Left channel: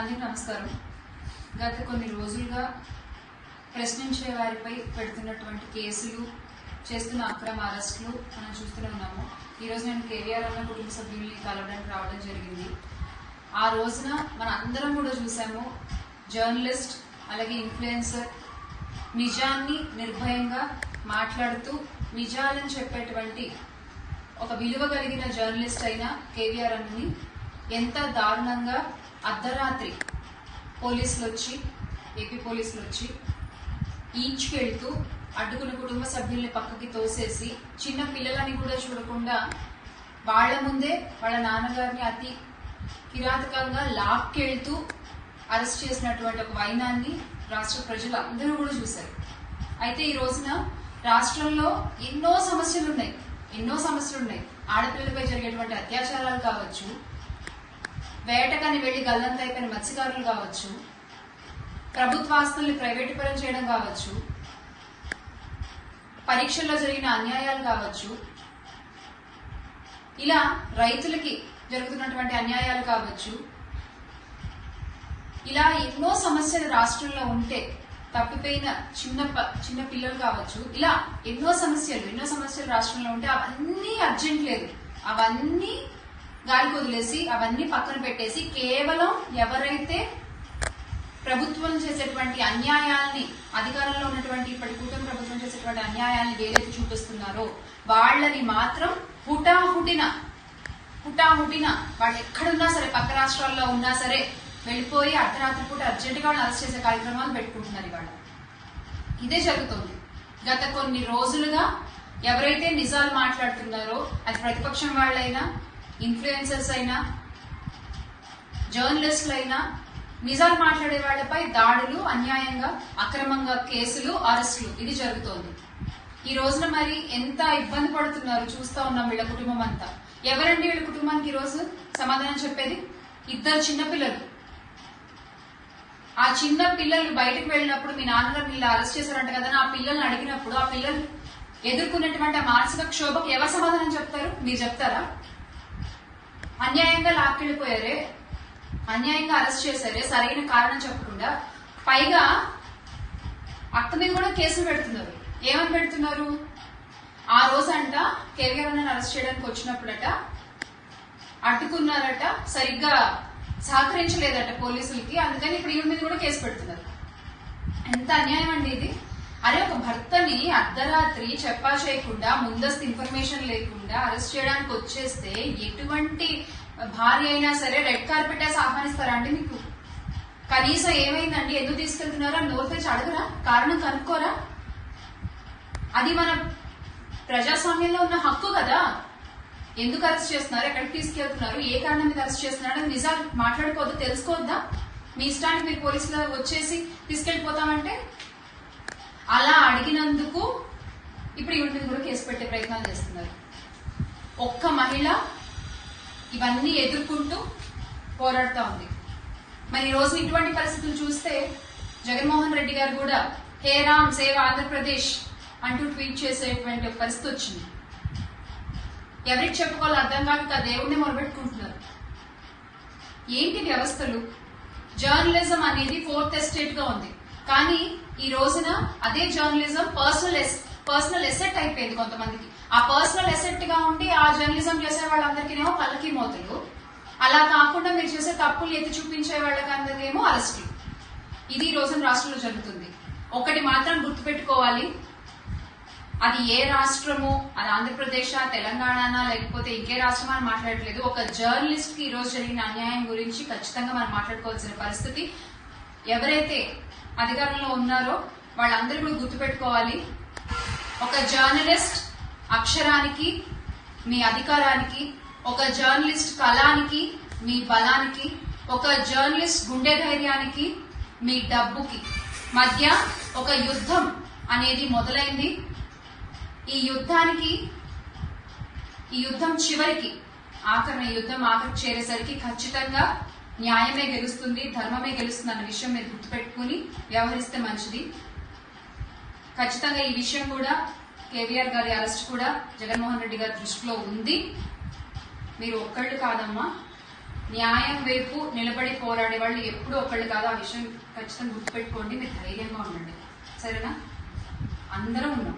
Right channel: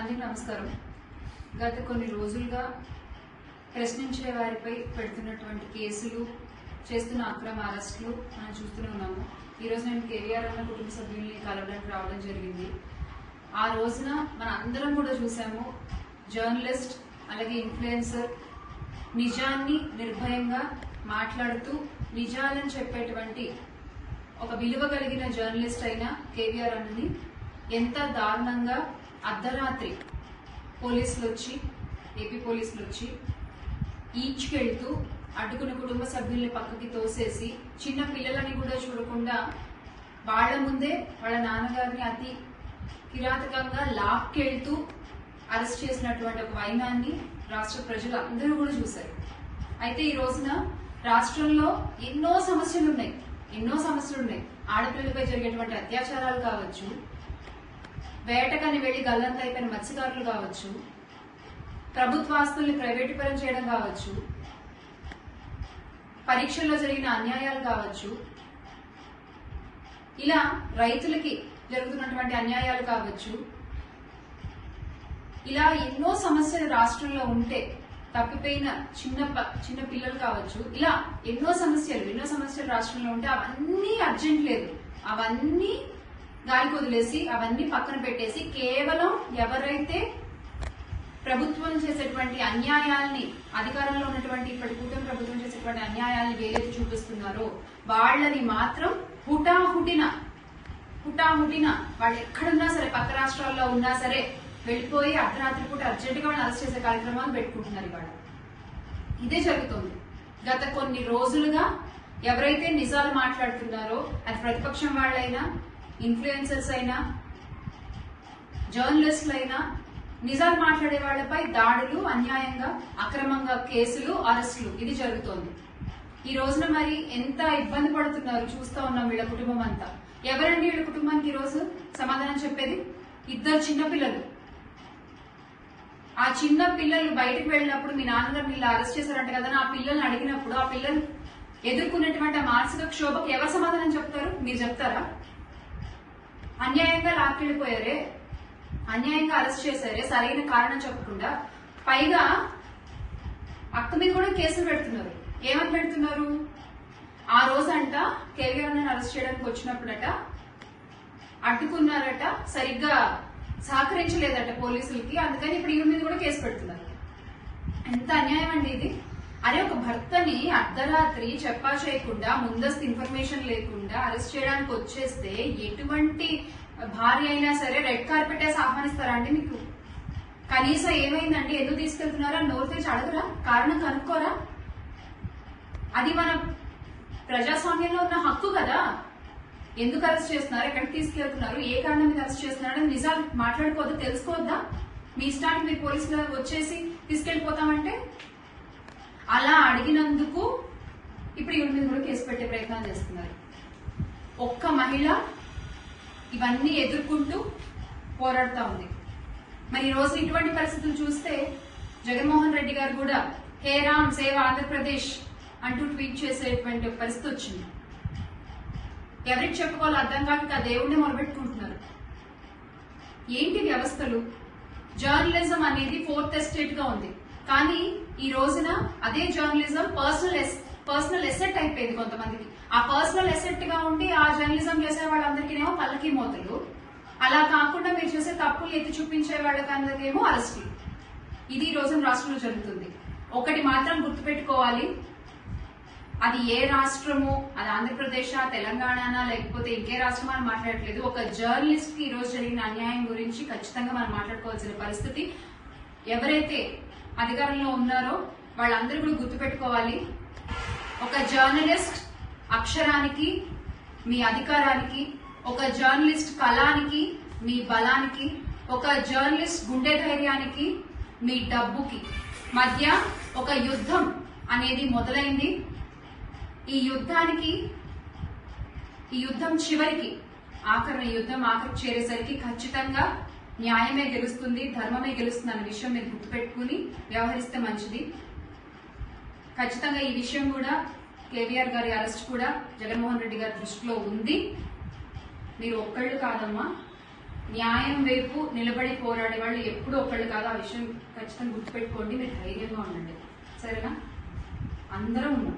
అందరికీ నమస్కారం. గత కొన్ని రోజులుగా ప్రశ్నించే వారిపై పెడుతున్నటువంటి కేసులు, చేస్తున్న అక్రమ అరెస్టులు మనం చూస్తూనే ఉన్నాము. ఈరోజు నేను కేవీఆర్ అన్న కుటుంబ సభ్యుల్ని కలవడానికి రావడం జరిగింది. ఆ రోజున మన అందరం కూడా చూసాము, జర్నలిస్ట్ అలాగే ఇన్ఫ్లుయెన్సర్ నిజాన్ని నిర్భయంగా మాట్లాడుతూ నిజాలను చెప్పేటువంటి ఒక విలువ కలిగిన జర్నలిస్ట్ అయిన కేవీఆర్ అన్నని ఎంత దారుణంగా అర్ధరాత్రి పోలీసులు వచ్చి, ఏపీ పోలీసులు వచ్చి ఈడ్చుకెళ్తూ అడ్డుకున్న కుటుంబ సభ్యుల్ని పక్కకి తోసేసి చిన్న పిల్లలని కూడా చూడకుండా వాళ్ల ముందే వాళ్ళ నాన్నగారిని అతి కిరాతకంగా లాక్కెళ్తూ అరెస్ట్ చేసినటువంటి ఒక వైనాన్ని రాష్ట్ర ప్రజలు అందరూ కూడా చూశారు. అయితే ఈ రోజున రాష్ట్రంలో ఎన్నో సమస్యలు ఉన్నాయి. ఆడపిల్లలపై జరిగేటువంటి అత్యాచారాలు కావచ్చు, వేటకని వెళ్లి గల్లంత అయిపోయిన మత్స్యకారులు కావచ్చు, ప్రభుత్వాస్తుల్ని ప్రైవేటీకరణ చేయడం కావచ్చు, పరీక్షల్లో జరిగిన అన్యాయాలు కావచ్చు, ఇలా రైతులకి జరుగుతున్నటువంటి అన్యాయాలు కావచ్చు, ఇలా ఎన్నో సమస్యలు రాష్ట్రంలో ఉంటే తప్పిపోయిన చిన్న పిల్లలు కావచ్చు, ఇలా ఎన్నో సమస్యలు రాష్ట్రంలో ఉంటే అవన్నీ అర్జెంట్ లేదు, అవన్నీ గాలికి వదిలేసి అవన్నీ పక్కన పెట్టేసి కేవలం ఎవరైతే ప్రభుత్వం చేసేటువంటి అన్యాయాల్ని, అధికారంలో ఉన్నటువంటి ఇప్పటి కూటమి ప్రభుత్వం చేసేటువంటి అన్యాయాల్ని వేలెత్తి చూపిస్తున్నారో వాళ్ళని మాత్రం హుటాహుటిన వాళ్ళు ఎక్కడున్నా సరే, పక్క రాష్ట్రాల్లో ఉన్నా సరే వెళ్ళిపోయి అర్ధరాత్రి పూట అర్జెంటుగా వాళ్ళు అరెస్ట్ చేసే కార్యక్రమాలు పెట్టుకుంటున్నారు. ఇవాళ ఇదే జరుగుతోంది. గత కొన్ని రోజులుగా ఎవరైతే నిజాలు మాట్లాడుతున్నారో, అది ప్రతిపక్షం వాళ్ళైనా, ఇన్ఫ్లుయెన్సర్స్ అయినా, జర్నలిస్టులు అయినా, నిజాలు మాట్లాడే వాళ్లపై దాడులు, అన్యాయంగా అక్రమంగా కేసులు, అరెస్టులు ఇది జరుగుతోంది. ఈ రోజున మరి ఎంత ఇబ్బంది పడుతున్నారు చూస్తా ఉన్నాం. వీళ్ళ కుటుంబం అంతా. ఎవరండి వీళ్ళ కుటుంబానికి ఈ రోజు సమాధానం చెప్పేది? 2 చిన్నపిల్లలు. ఆ చిన్న పిల్లలు బయటకు వెళ్ళినప్పుడు మీ నాన్నగారు మీరు అరెస్ట్ చేశారంట కదా, ఆ పిల్లల్ని అడిగినప్పుడు ఆ పిల్లలు ఎదుర్కొన్నటువంటి ఆ మానసిక క్షోభకు ఎవరు సమాధానం చెప్తారు? మీరు చెప్తారా? అన్యాయంగా లాక్కెళ్ళిపోయారే, అన్యాయంగా అరెస్ట్ చేశారే, సరైన కారణం చెప్పకుండా, పైగా అక్క మీద కూడా కేసులు పెడుతున్నారు. ఏమని పెడుతున్నారు? ఆ రోజంట కేవీఆర్ అన్నని అరెస్ట్ చేయడానికి వచ్చినప్పుడట అడ్డుకున్నారట, సరిగ్గా సహకరించలేదట పోలీసులకి, అందుకని ఇప్పుడు ఈమె మీద కూడా కేసు పెడుతున్నారు. ఎంత అన్యాయం అండి ఇది! అరే, ఒక భర్తని అర్ధరాత్రి చెప్పా చేయకుండా, ముందస్తు ఇన్ఫర్మేషన్ లేకుండా అరెస్ట్ చేయడానికి వచ్చేస్తే ఎటువంటి భార్య అయినా సరే రెడ్ కార్పెట్ వేసి ఆహ్వానిస్తారా అండి? మీకు కనీసం ఏమైందండి, ఎందుకు తీసుకెళ్తున్నారా నోరు తెచ్చి అడగరా? కారణం కనుక్కోరా? అది మన ప్రజాస్వామ్యంలో ఉన్న హక్కు కదా. ఎందుకు అరెస్ట్ చేస్తున్నారు, ఎక్కడికి తీసుకెళ్తున్నారు, ఏ కారణం మీద అరెస్ట్ చేస్తున్నారు నిజాలు మాట్లాడుకోవద్దు, తెలుసుకోవద్దా? మీ ఇష్టానికి మీరు పోలీసులు వచ్చేసి తీసుకెళ్లిపోతామంటే అలా అడిగినందుకు ఇప్పుడు ఈవిడ మీద కూడా కేసు పెట్టే ప్రయత్నాలు చేస్తున్నారు. ఒక్క మహిళ ఇవన్నీ ఎదుర్కొంటూ పోరాడుతూ ఉంది. మరి ఈ రోజు ఇటువంటి పరిస్థితులు చూస్తే జగన్మోహన్ రెడ్డి గారు కూడా హే రామ్ సేవ్ ఆంధ్రప్రదేశ్ అంటూ ట్వీట్ చేసేటువంటి పరిస్థితి వచ్చింది. ఎవరికి చెప్పుకోవాలో అర్థం కాక దేవుడిని మొదలుపెట్టుకుంటున్నారు. ఏంటి వ్యవస్థలు? జర్నలిజం అనేది 4th ఎస్టేట్ గా ఉంది, కానీ ఈ రోజున అదే జర్నలిజం పర్సనల్ ఎసెట్ అయిపోయింది కొంతమందికి. ఆ పర్సనల్ ఎసెట్ గా ఉండి ఆ జర్నలిజం చేసే వాళ్ళందరికీనేమో పల్లకి మోతలు, అలా కాకుండా మీరు చేసే తప్పులు ఎత్తి చూపించే వాళ్ళకందరికేమో అరెస్టులు. ఇది ఈ రోజున రాష్ట్రంలో జరుగుతుంది. ఒకటి మాత్రం గుర్తుపెట్టుకోవాలి, అది ఏ రాష్ట్రమో, అది ఆంధ్రప్రదేశ్, తెలంగాణ, లేకపోతే ఇంకే రాష్ట్రం అని మాట్లాడట్లేదు. ఒక జర్నలిస్ట్ కి ఈ రోజు జరిగిన అన్యాయం గురించి ఖచ్చితంగా మనం మాట్లాడుకోవాల్సిన పరిస్థితి. ఎవరైతే అధికారంలో ఉన్నారో వాళ్ళందరూ కూడా గుర్తుపెట్టుకోవాలి, ఒక జర్నలిస్ట్ అక్షరానికి మీ అధికారానికి, ఒక జర్నలిస్ట్ కళానికి మీ బలానికి, ఒక జర్నలిస్ట్ గుండె ధైర్యానికి మీ డబ్బుకి మధ్య ఒక యుద్ధం అనేది మొదలైంది. ఈ యుద్ధం చివరికి ఆఖరికి చేరేసరికి ఖచ్చితంగా న్యాయమే గెలుస్తుంది, ధర్మమే గెలుస్తుంది అన్న విషయం మీరు గుర్తుపెట్టుకుని వ్యవహరిస్తే మంచిది. ఖచ్చితంగా ఈ విషయం కూడా, కేవీఆర్ గారి అరెస్ట్ కూడా జగన్మోహన్ రెడ్డి గారి దృష్టిలో ఉంది. మీరు ఒక్కళ్ళు కాదమ్మా, న్యాయం వైపు నిలబడి పోరాడే వాళ్ళు ఎప్పుడూ ఒకళ్ళు కాదు. ఆ విషయం ఖచ్చితంగా గుర్తుపెట్టుకోండి. మీరు ధైర్యంగా ఉండండి, సరేనా? అందరం ఉన్నాం.